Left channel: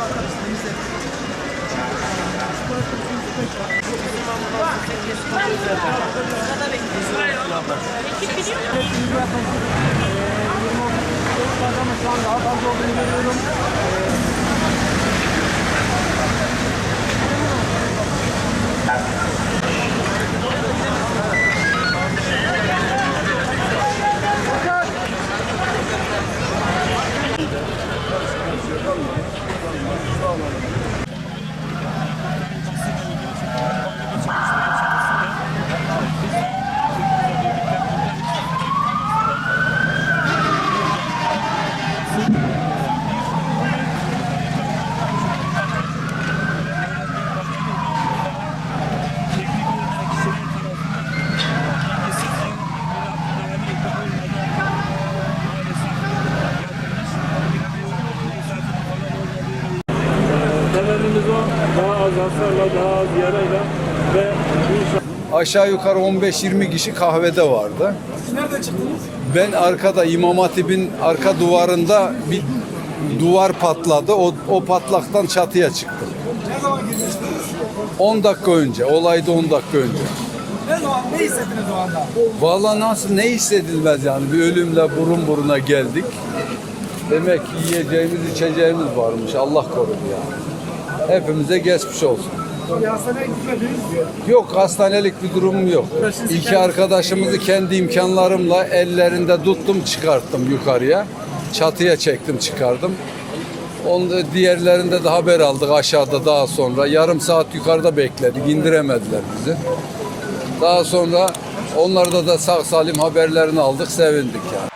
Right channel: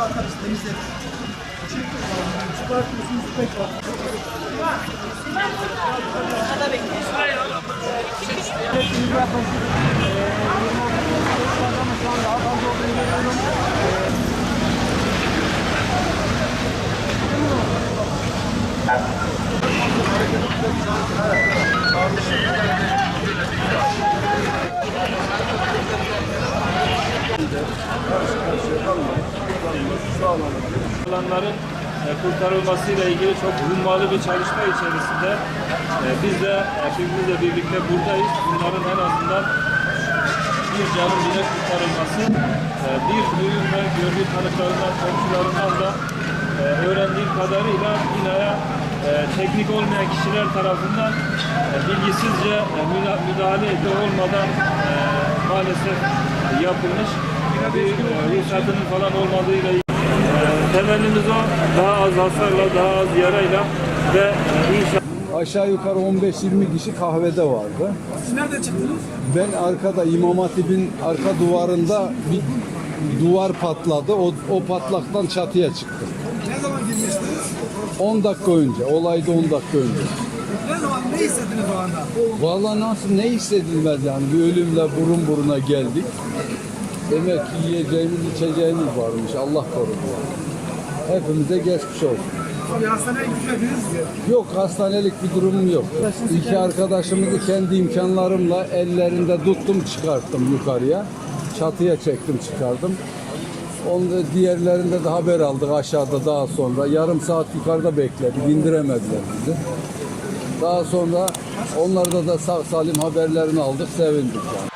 bakarız, temizleriz. Sırada bekliyoruz. Sırayla alalım. Şu an daha fazla olduğunu görüyorum. Alanların kurtarılmasıyla ilgili çok hummalı bir çalışma içerisinde biz de ekibimizle birlikte buradayız. Bunların en azından bir canın bile kurtarılması, bir duyum ve gönül tanıklarından, komşularından da öğrendiğim kadarıyla binaya teknik olmayan kişiler tarafından bilgisizce müdahale olmadan maalesef yapılmış bir ruhsatının falan olmadığıyla temennimiz o, daha az hasarla, daha az yarayla ve Aşağı yukarı 15-20 kişi kahvede vardı. Siz nereden çıktınız? Ben arkada İmam Hatip'in arka duvarında bir duvar patladı. O patlaktan çatıya çıktım. Ne zaman girmiştiniz? 10 dakika önce, olayda 10 dakika önce. Ne zaman, ne hissettiniz o anda? Vallahi nasıl, ne hissedilmez yani, bir ölümle burun buruna geldik. Demek ki yiyeceğimiz içeceğimiz varmış, Allah korudu yani. Hepimize geçmiş olsun. Tabii hastaneye gitmediniz. Yok, hastanelik bir durumum yok. İki arkadaşımızı kendi imkanlarımla ellerinde tuttum, çıkarttım yukarıya. Çatıya çektim, çıkardım. Diğerlerinde de haber aldık aşağıda daha sonra. Yarım saat yukarıda bekledik, indiremediler bizi. Daha sonra onlarda da sağ salim haberlerini aldık, sevindik yani.